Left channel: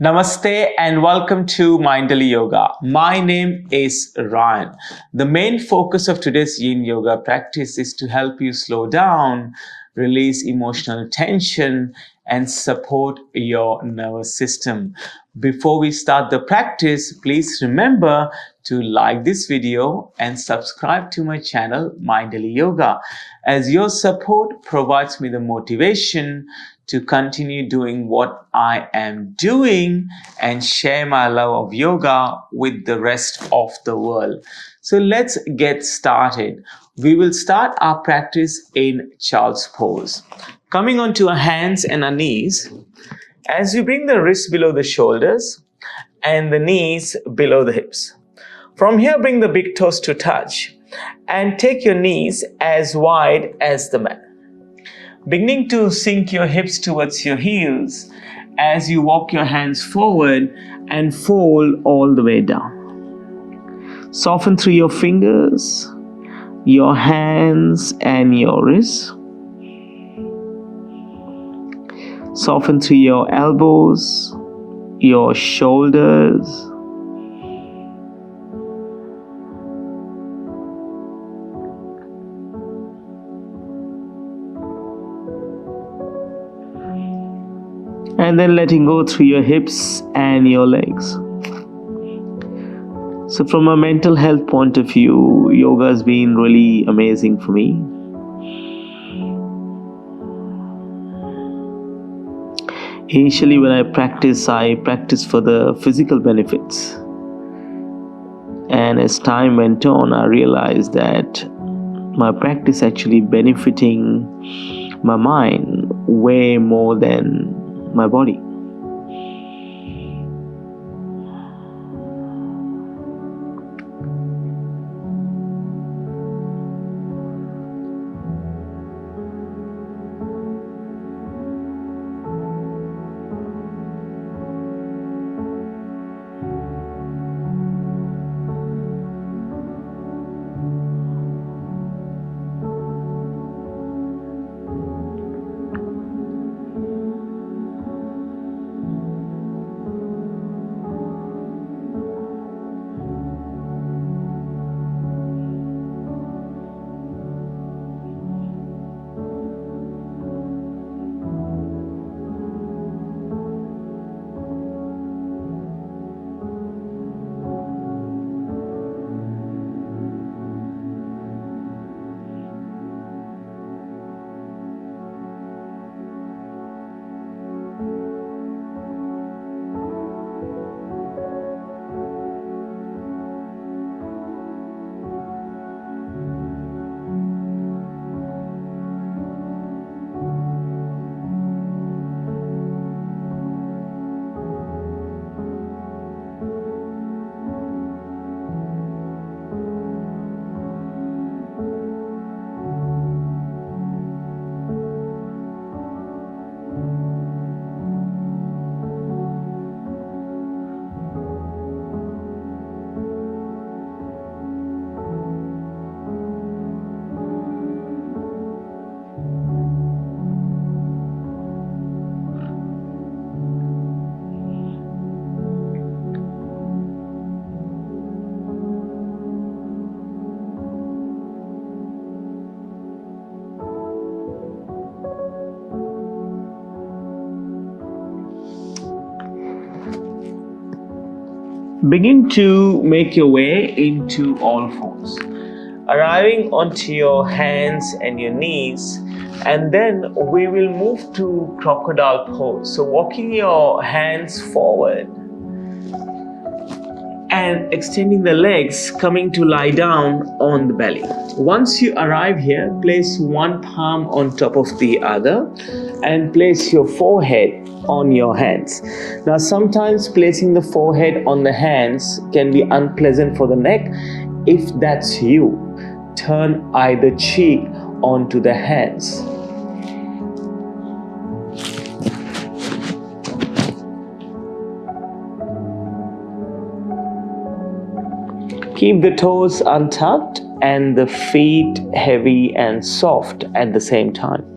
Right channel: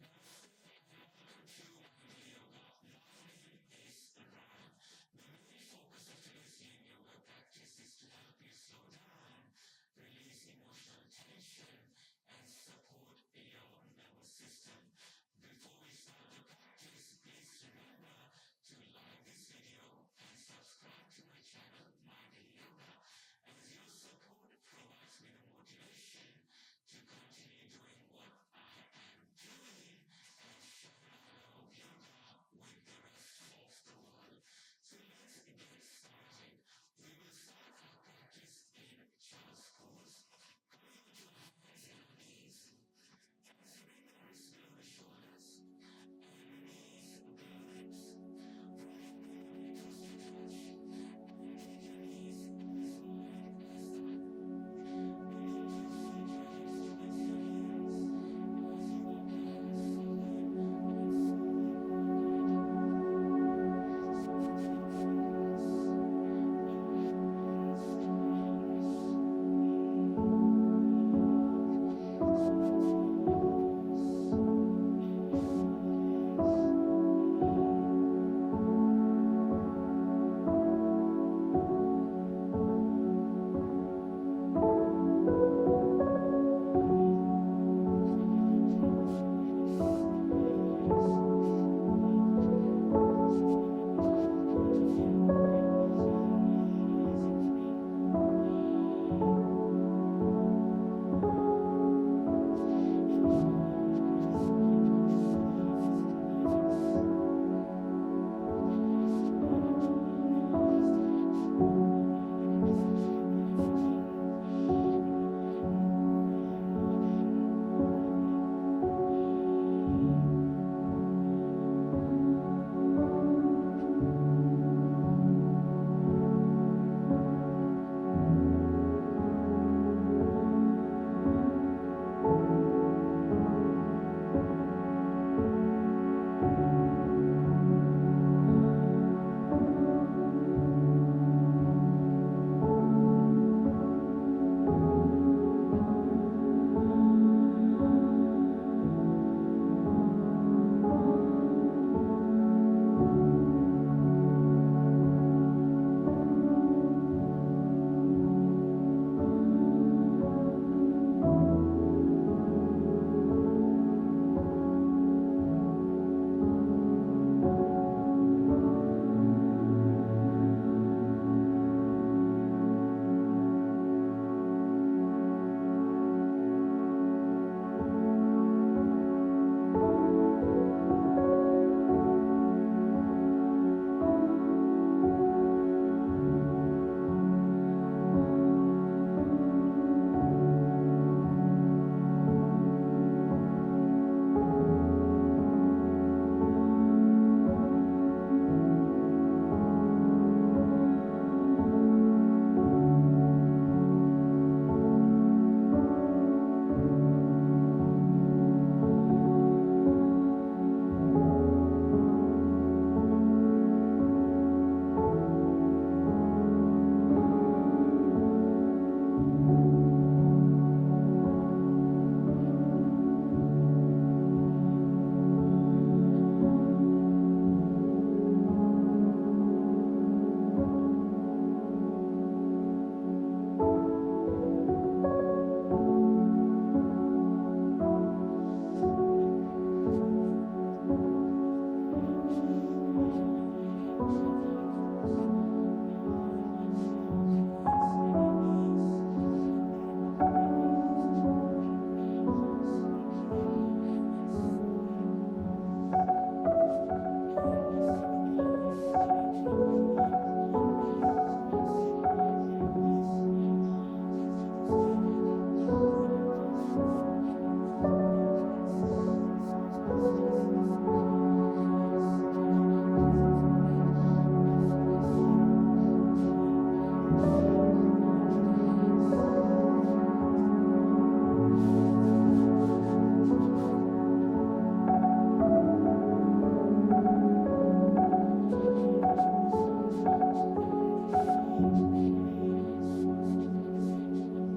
Namaste and welcome to Mindfully Yoga. My name is Ryan. The main focus of today's Yin Yoga practice is to help you slow down, release emotional tension, and support your nervous system. Before we start the practice, please remember to like this video and subscribe to my channel, Mindfully Yoga, as your support provides me the motivation to continue doing what I am doing and share my love of yoga with the rest of the world. So let's get started. We will start our practice in child's pose. Coming onto our hands and our knees, as you bring the wrists below the shoulders and the knees below the hips. From here, bring the big toes to touch and take your knees as wide as the mat. Beginning to sink your hips towards your heels as you walk your hands forward and fold all the way down. Soften through your fingers, your hands and your wrists. Soften through your elbows, your shoulders. And then letting go through your hips and your legs. So from a mental health point of view, yoga has been really amazing for me. Initially when I practice for the physical benefits. And as time went on, I realized that my practice actually benefiting my mind way more than my body. Begin to make your way into all fours, arriving onto your hands and your knees, and then we will move to crocodile pose. So walking your hands forward and extending the legs, coming to lie down on the belly. Once you arrive here, place one palm on top of the other and place your forehead on your hands. Now sometimes placing the forehead on the hands can be unpleasant for the neck. If that's you, turn either cheek onto the hands. Keep the toes untucked and the feet heavy and soft at the same time.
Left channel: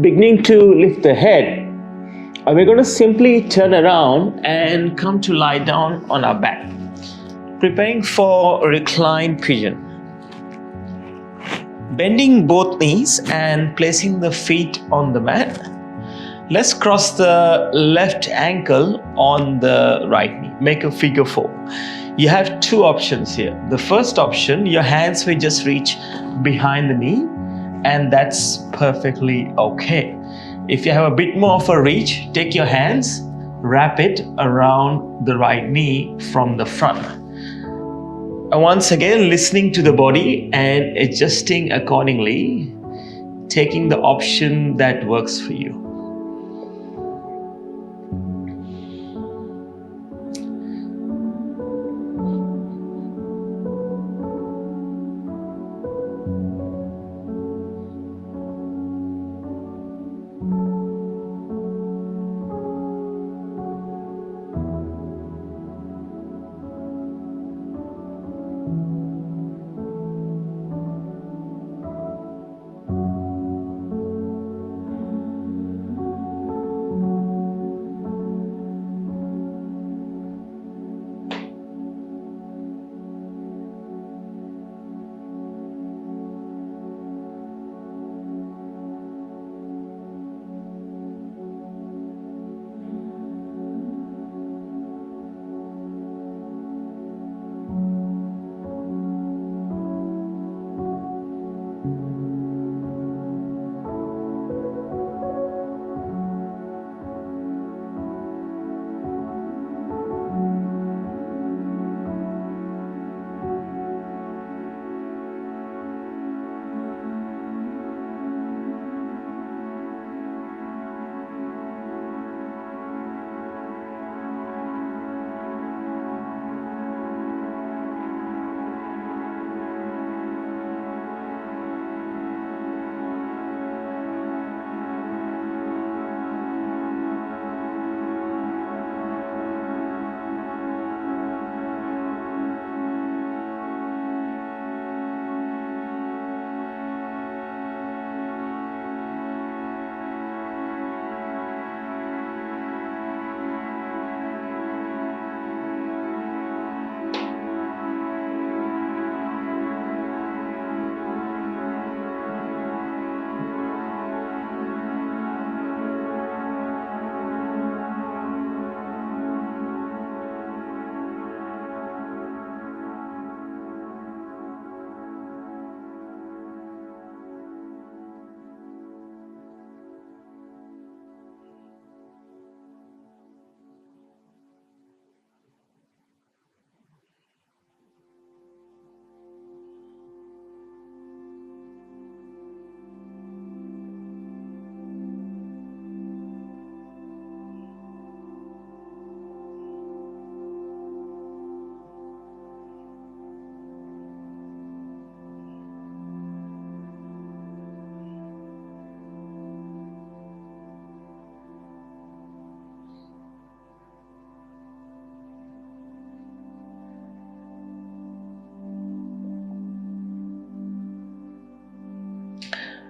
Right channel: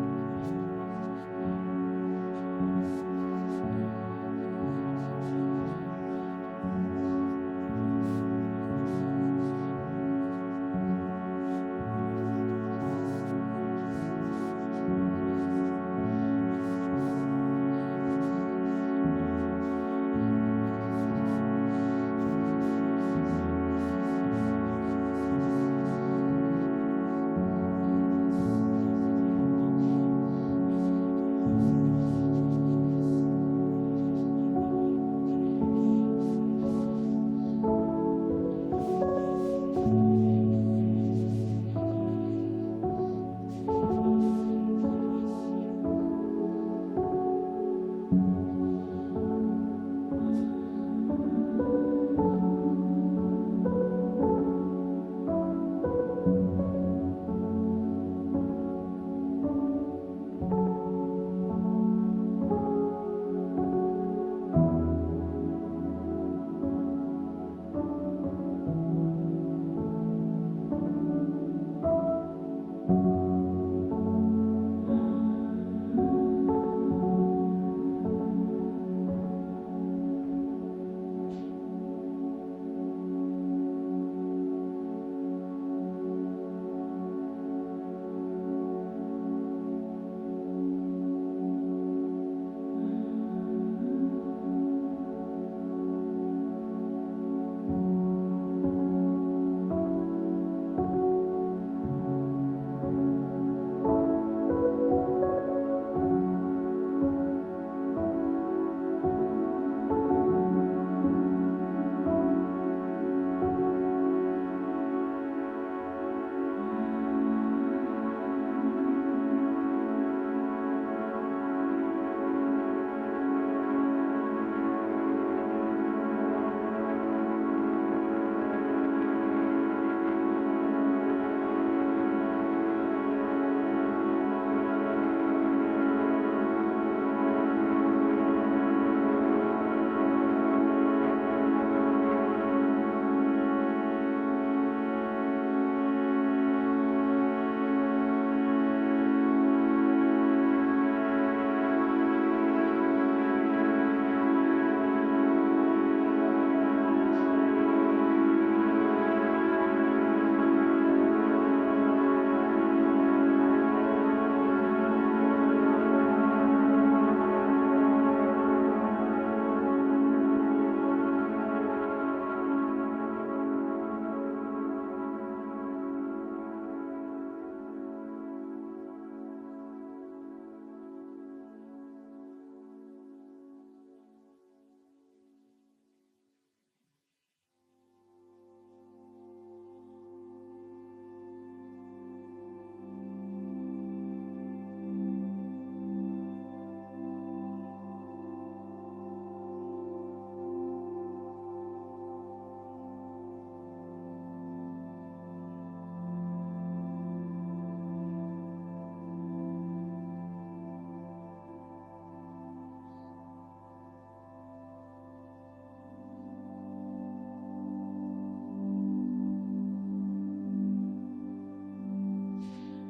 Beginning to lift the head, we're going to simply turn around and come to lie down on our back, preparing for reclined pigeon. Bending both knees and placing the feet on the mat. Let's cross the left ankle on the right knee. Make a figure 4. You have two options here. The first option, your hands will just reach behind the knee, and that's perfectly okay. If you have a bit more of a reach, take your hands, wrap it around the right knee from the front. And once again, listening to the body and adjusting accordingly, taking the option that works for you.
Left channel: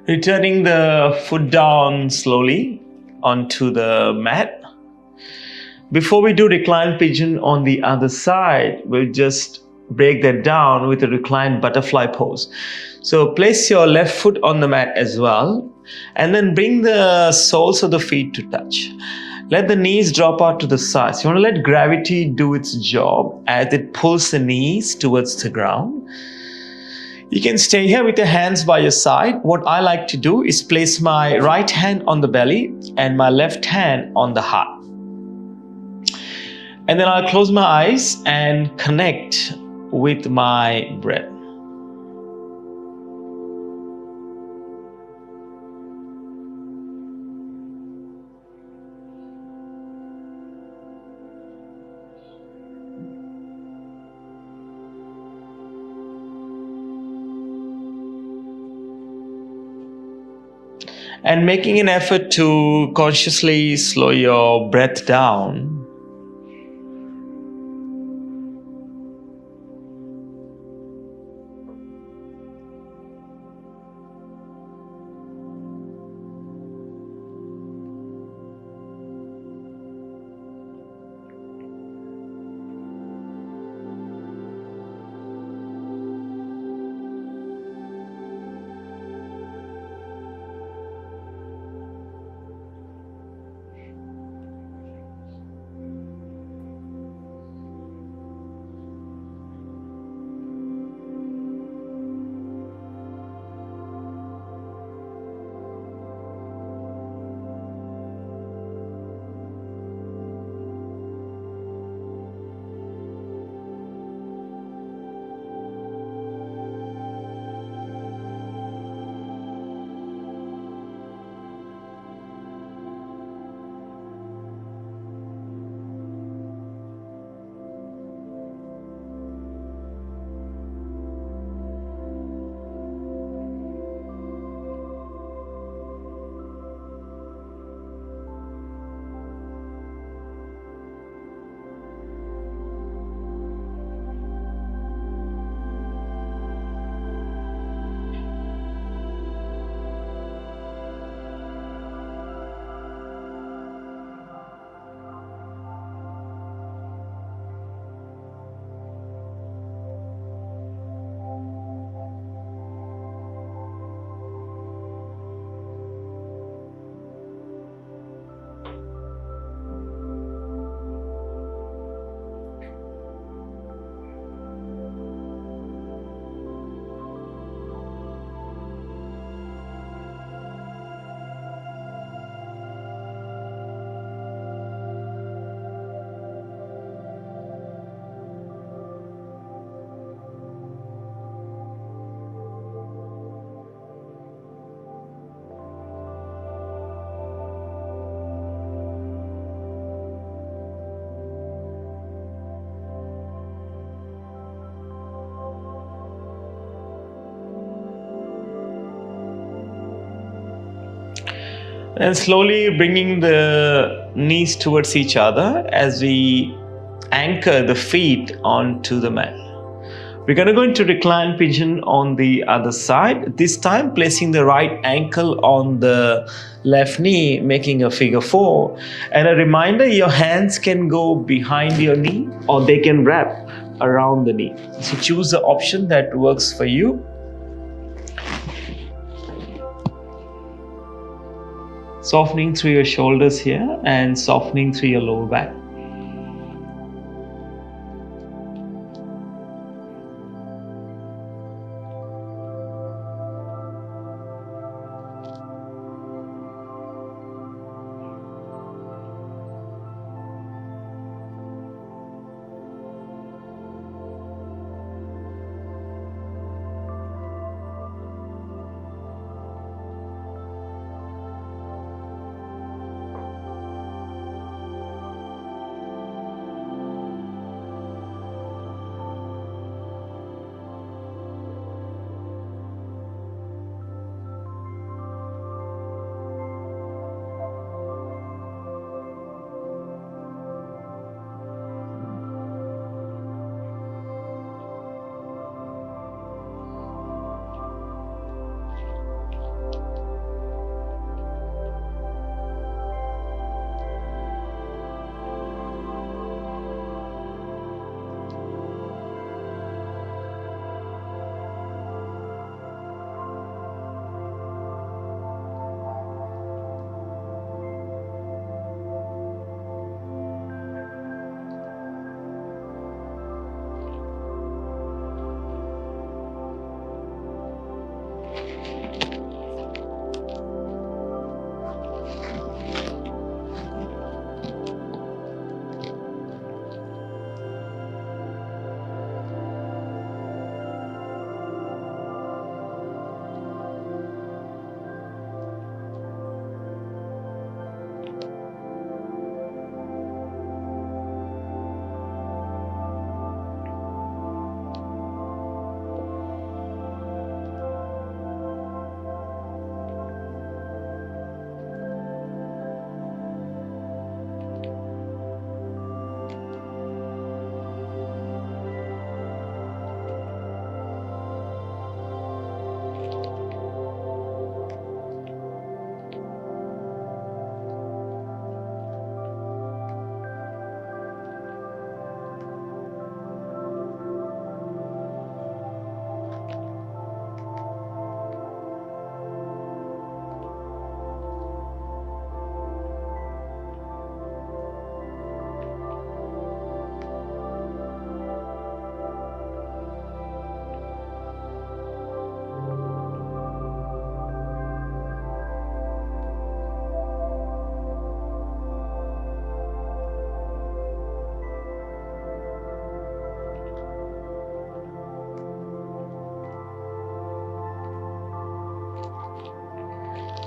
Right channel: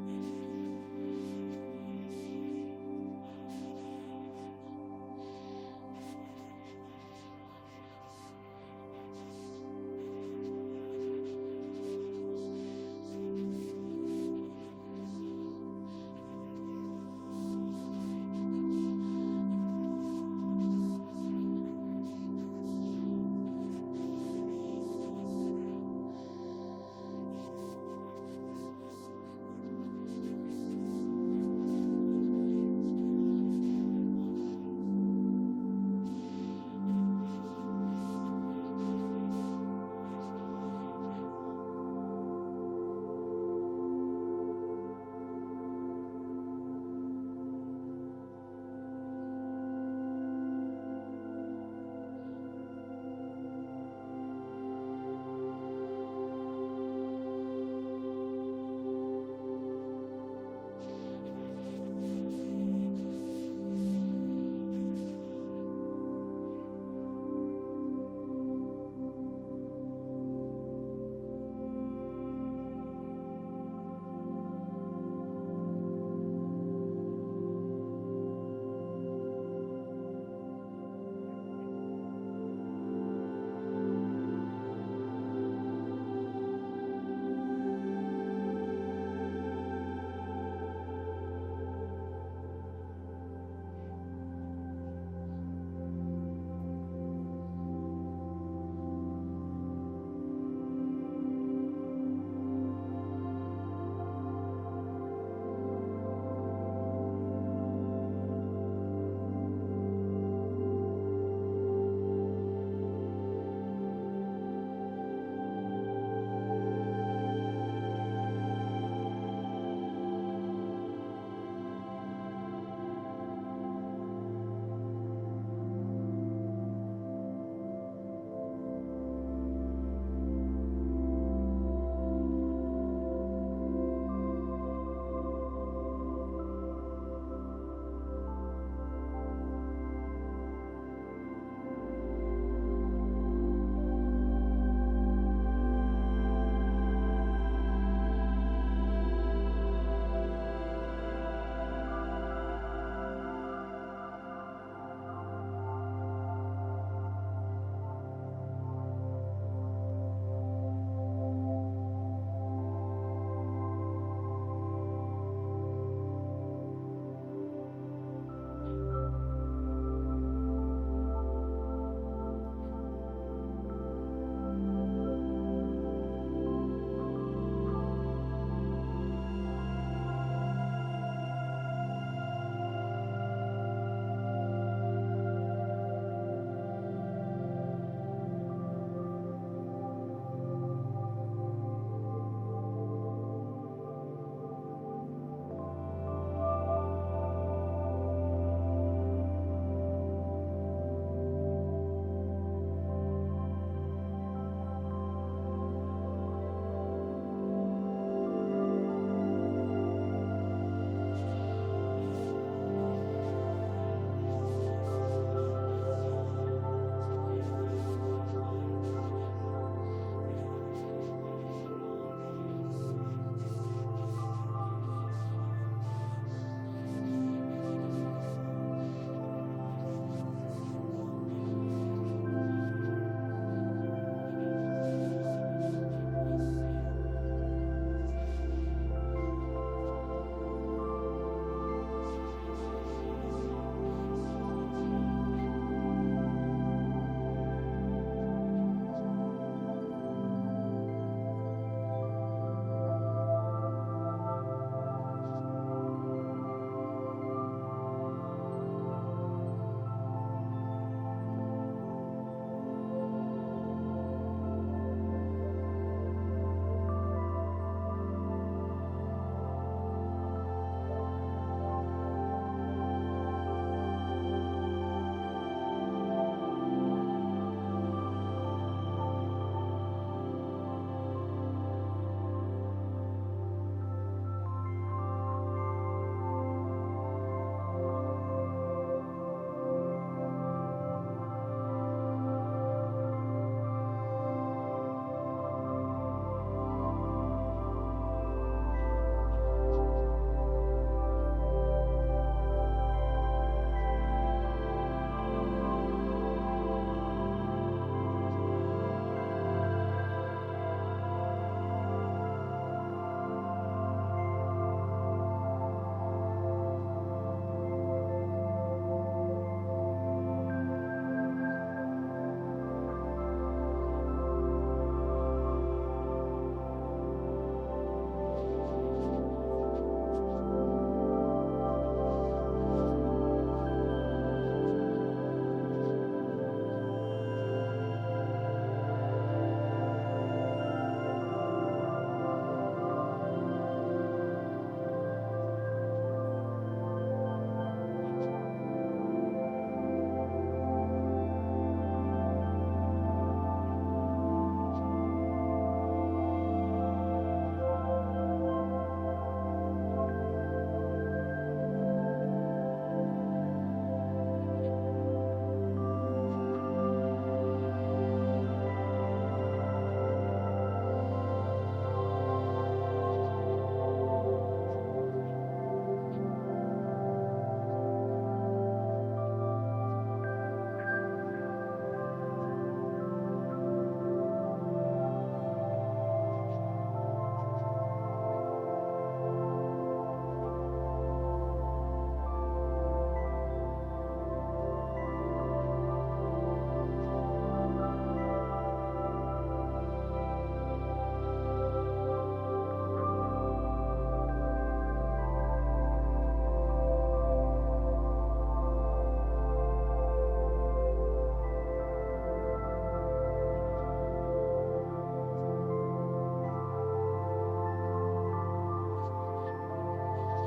Returning the foot down slowly onto the mat. Before we do reclined pigeon on the other side, we'll just break that down with a reclined butterfly pose. So place your left foot on the mat as well, and then bring the soles of the feet to touch. Let the knees drop out to the sides. You want to let gravity do its job as it pulls the knees towards the ground. You can stay here with your hands by your side. What I like to do is place my right hand on the belly and my left hand on the heart. And then I'll close my eyes and connect with my breath. And making an effort to consciously slow your breath down. And slowly bringing the knees towards each other as we anchor the feet onto the mat. We're going to go into reclined pigeon on the other side. This time placing the right ankle on the left knee, making a figure 4. And a reminder, your hands can go behind your knee or they can wrap around the knee. So choose the option that works for you. Softening through your shoulders here and softening through your lower back.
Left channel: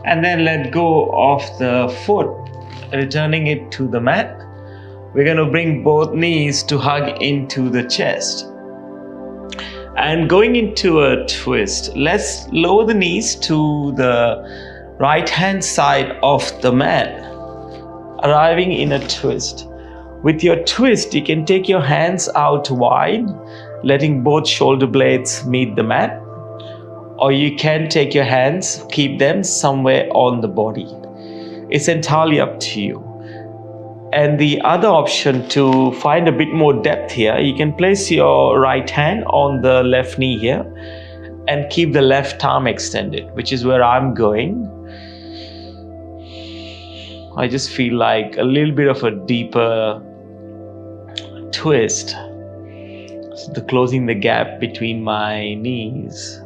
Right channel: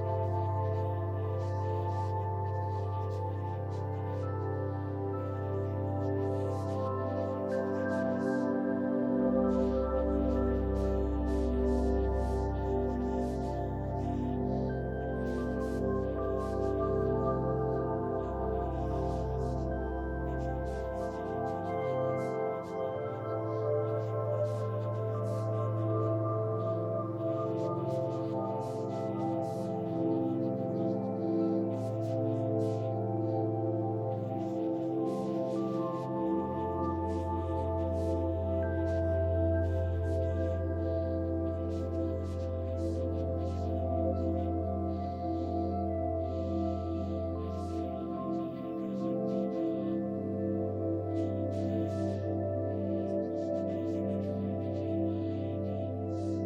And then let go of the foot, returning it to the mat. We're going to bring both knees to hug into the chest. And going into a twist, let's lower the knees to the right hand side of the mat, arriving in a twist. With your twist, you can take your hands out wide, letting both shoulder blades meet the mat. Or you can take your hands, keep them somewhere on the body. It's entirely up to you. And the other option, to find a bit more depth here, you can place your right hand on the left knee here and keep the left arm extended, which is where I'm going. I just feel like a little bit of a deeper twist, so closing the gap between my knees.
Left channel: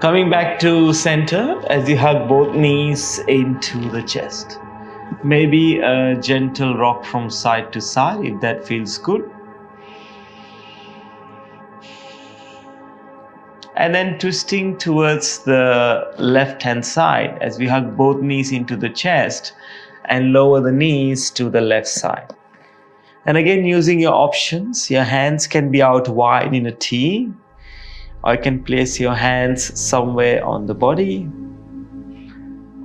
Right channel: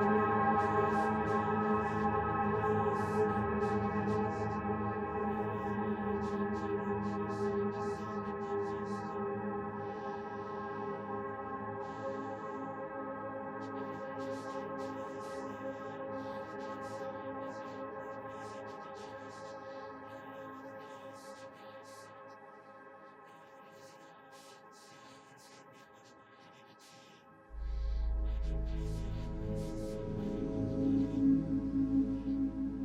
Coming back to center as you hug both knees into the chest. Maybe a gentle rock from side to side if that feels good. And then twisting towards the left hand side as we hug both knees into the chest and lower the knees to the left side. And again, using your options, your hands can be out wide in a T, or you can place your hands somewhere on the body.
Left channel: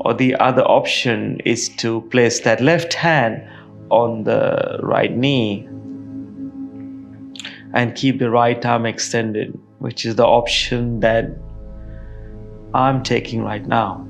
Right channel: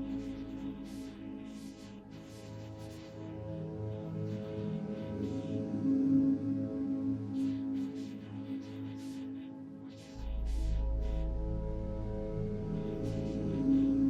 Or the other option is to place that left hand on the right knee and keep the right arm extended, which is the option that I'm taking right now.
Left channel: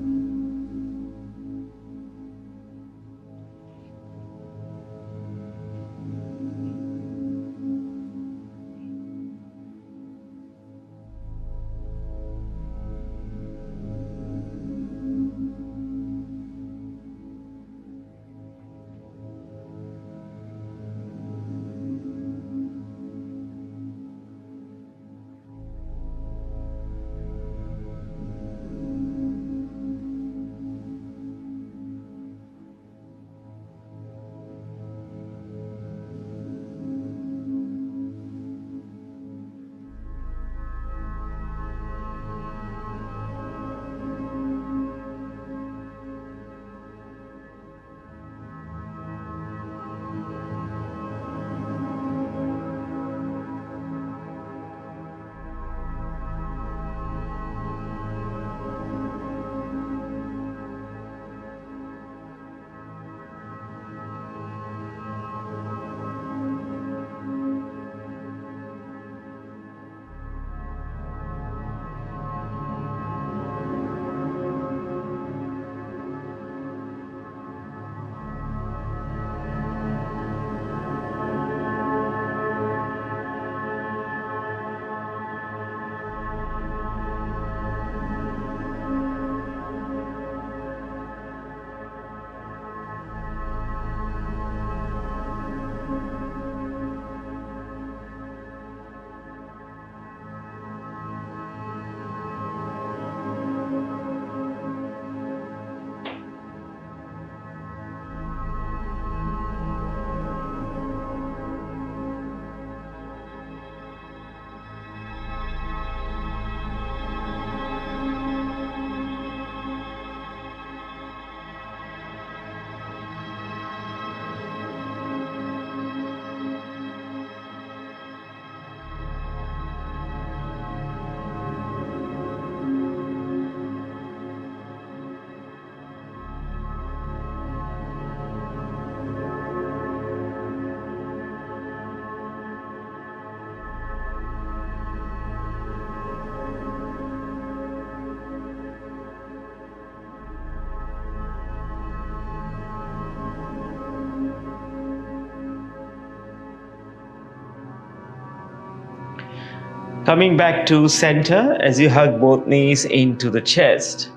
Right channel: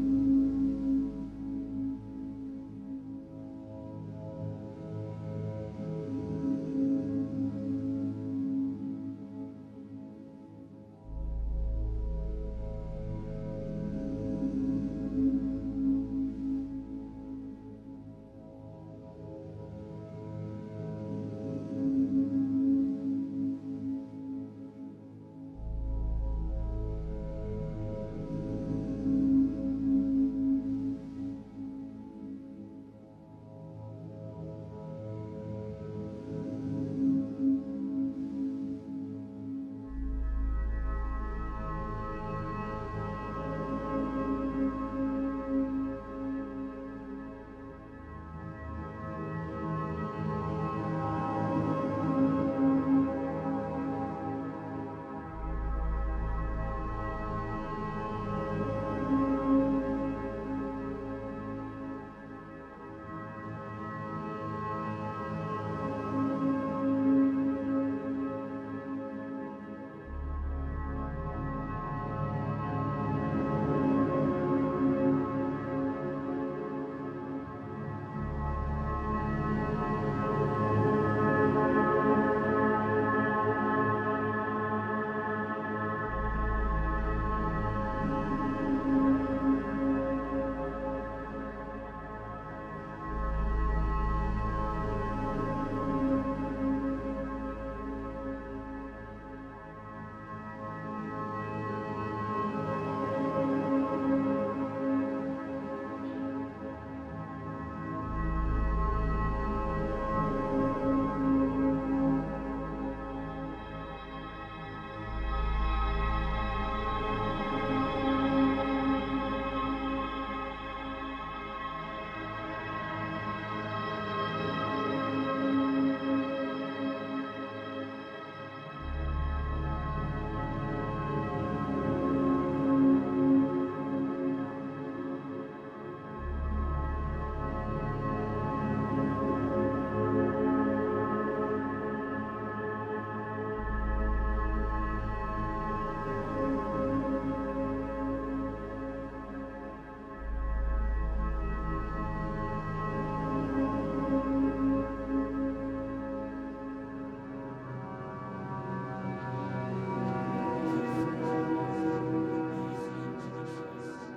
Coming back to center as you hug both knees into the chest.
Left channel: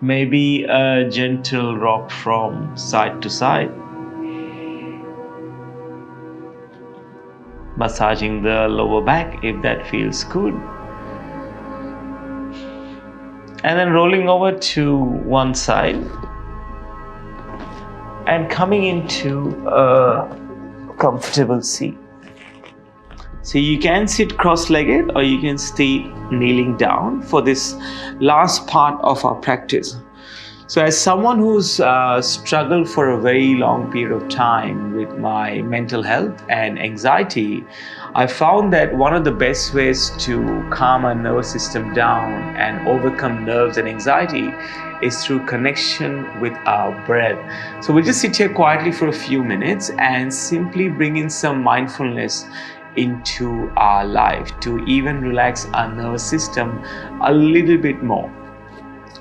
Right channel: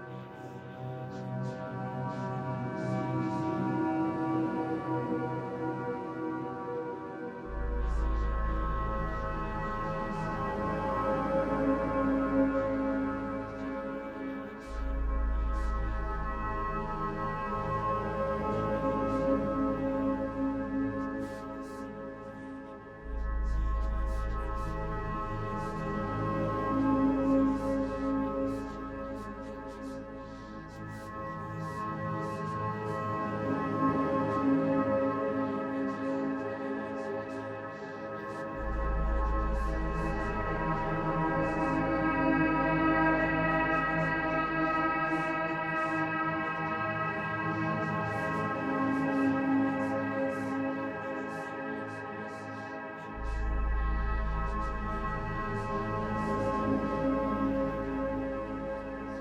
Maybe a gentle rock from side to side. Massaging the lower back if that feels good. And then rolling over to one side. And coming into a comfortable seat. So you can sit cross-legged or you can stay kneeling down for this last part of our practice. So as someone who's struggled for a very long period of time with my mental health and anxiety, I found that one of the best ways to calm our nervous system down and overcome nerves and anxiety is through connection with our breath. So we'll just sit here quietly for a few minutes and simply bring in some mindfulness into our life to even relax our nervous system a little bit more.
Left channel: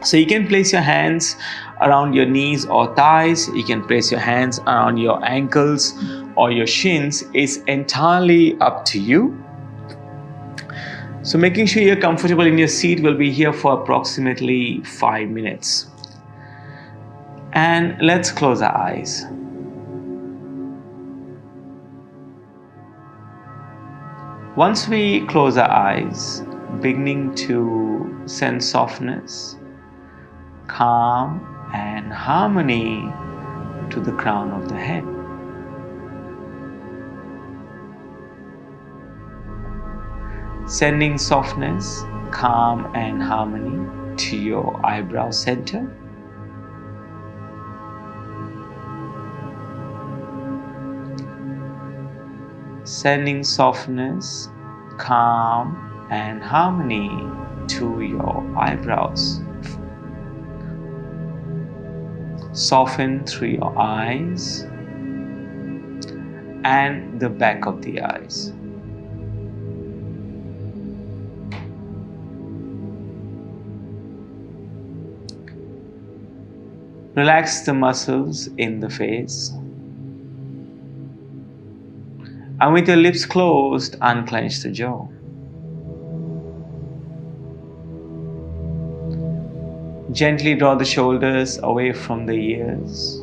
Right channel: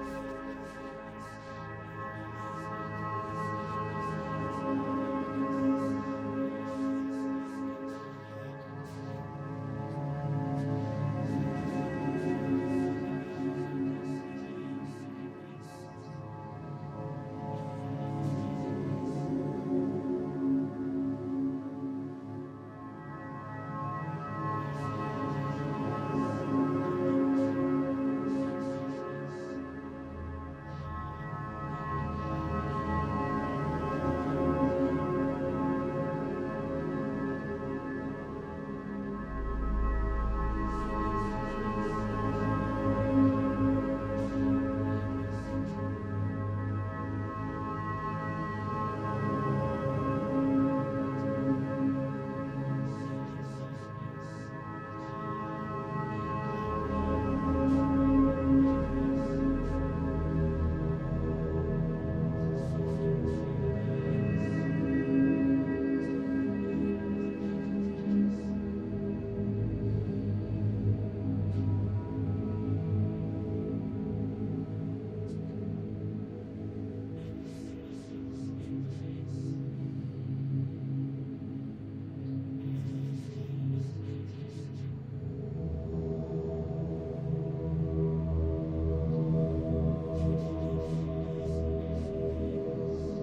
So you can place your hands around your knees or thighs. You can place your hands around your ankles or your shins. It's entirely up to you. So making sure you're comfortable in your seat. Will be here for approximately 5 minutes. And let's close our eyes. Once we close our eyes, beginning to sense softness, calm and harmony to the crown of the head. Sending softness, calm and harmony to your eyebrow center. Sending softness, calm and harmony to your eyebrows. Soften through your eyes and the back of the eyes. Relax the muscles in the face. And with your lips closed, unclench the jaw. Gently draw the shoulders away from the ears.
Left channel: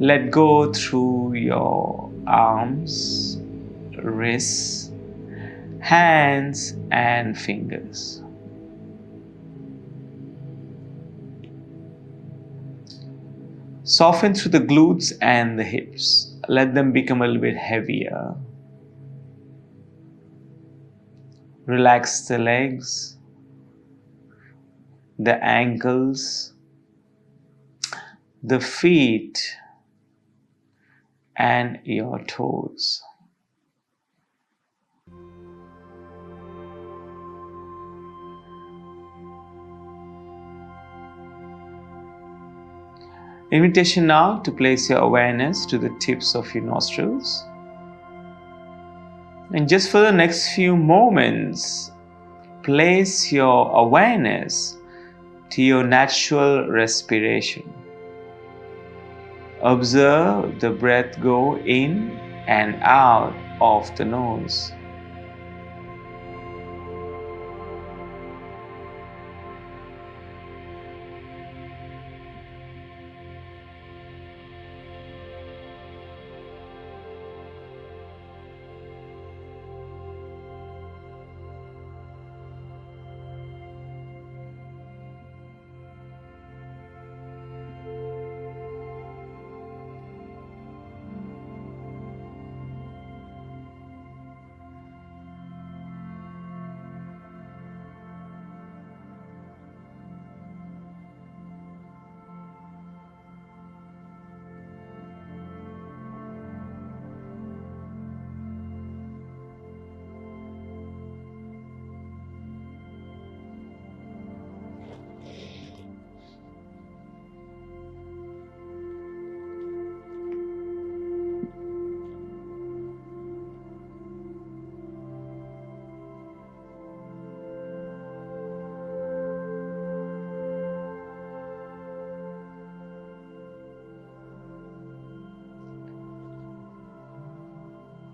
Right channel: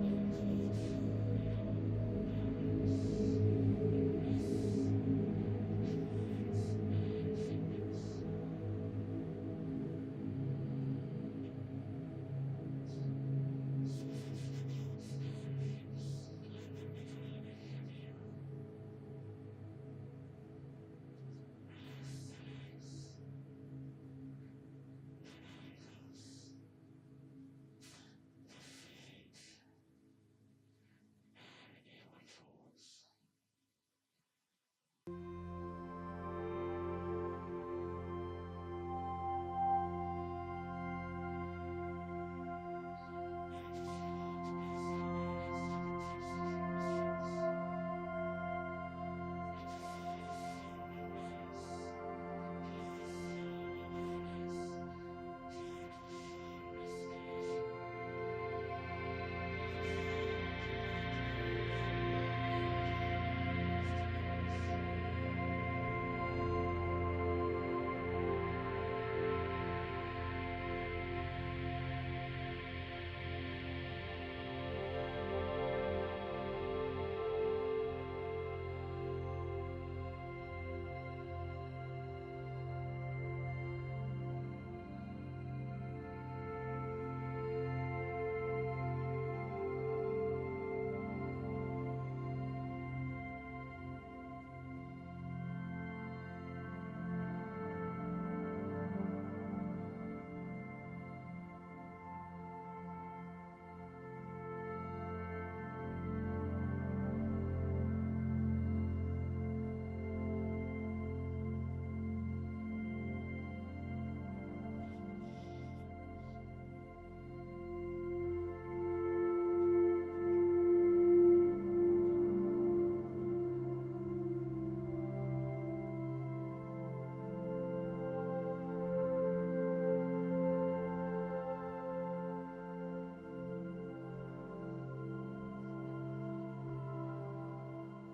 Let go through your arms, wrists, hands, and fingers. Soften through the glutes and the hips. Let them become a little bit heavier. Relax the legs, the ankles, the feet, and your toes. Invitation now to place your awareness to the tips of your nostrils. And just for the next few moments, place your awareness to your natural respiration. Observe the breath go in and out of the nose.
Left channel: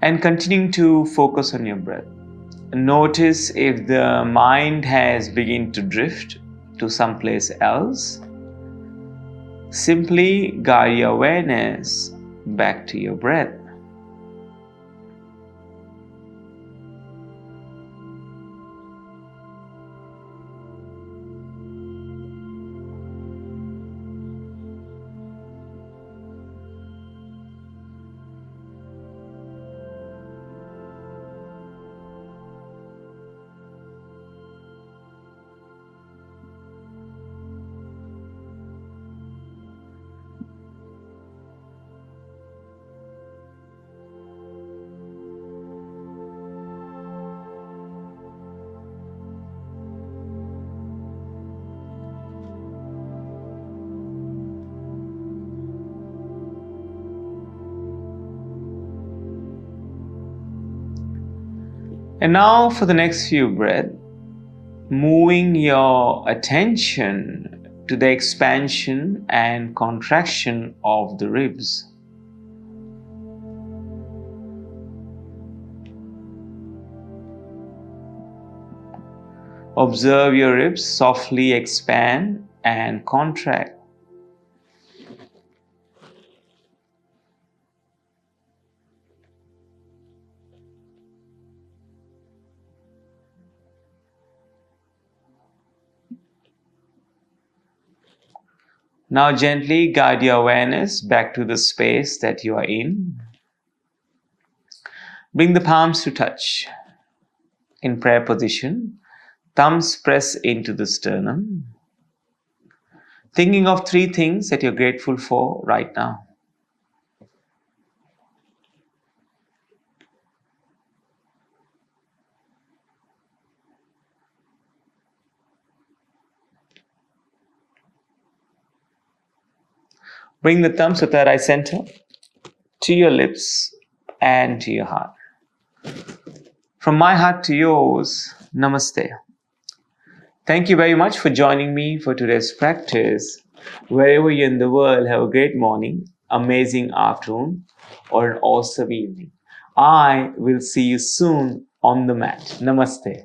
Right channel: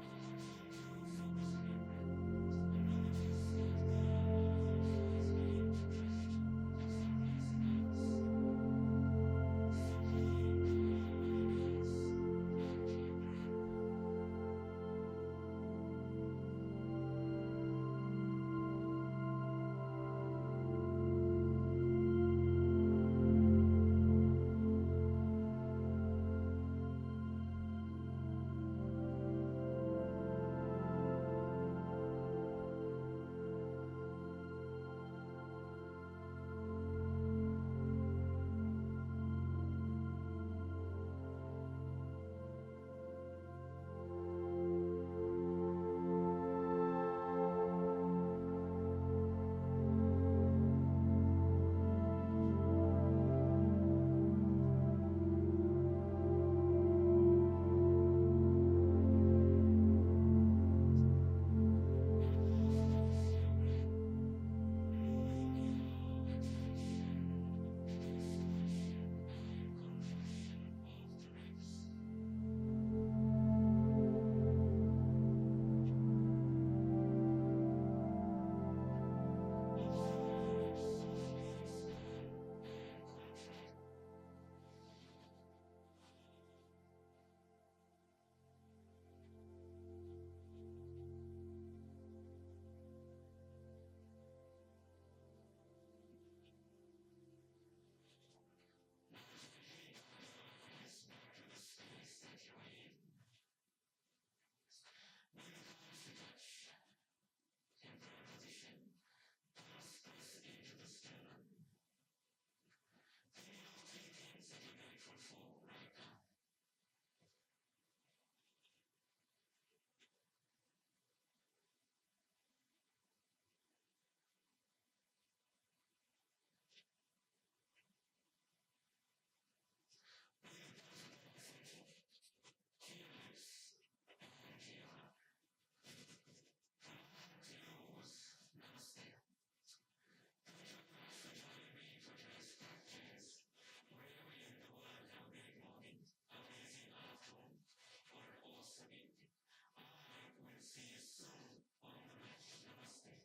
And continuing to focus on your breath. Notice if the mind has begun to drift to someplace else. Simply guide your awareness back to your breath. And now for the next few breaths, moving your attention to the expansion and contraction of the ribs. Observe your ribs softly expand and contract. Now gently guide your awareness back to the space that you are in. Bring the palms to touch. In prayer position, thumbs press into the sternum. Thinking of 3 things that you're grateful for right now. Bring the thumbs to third eye center, to your lips and to your heart. From my heart to yours, Namaste. Thank you very much for joining me for today's practice. Wherever you're in the world, have a great morning, amazing afternoon, or an awesome evening. I will see you soon on the mat. Namaste.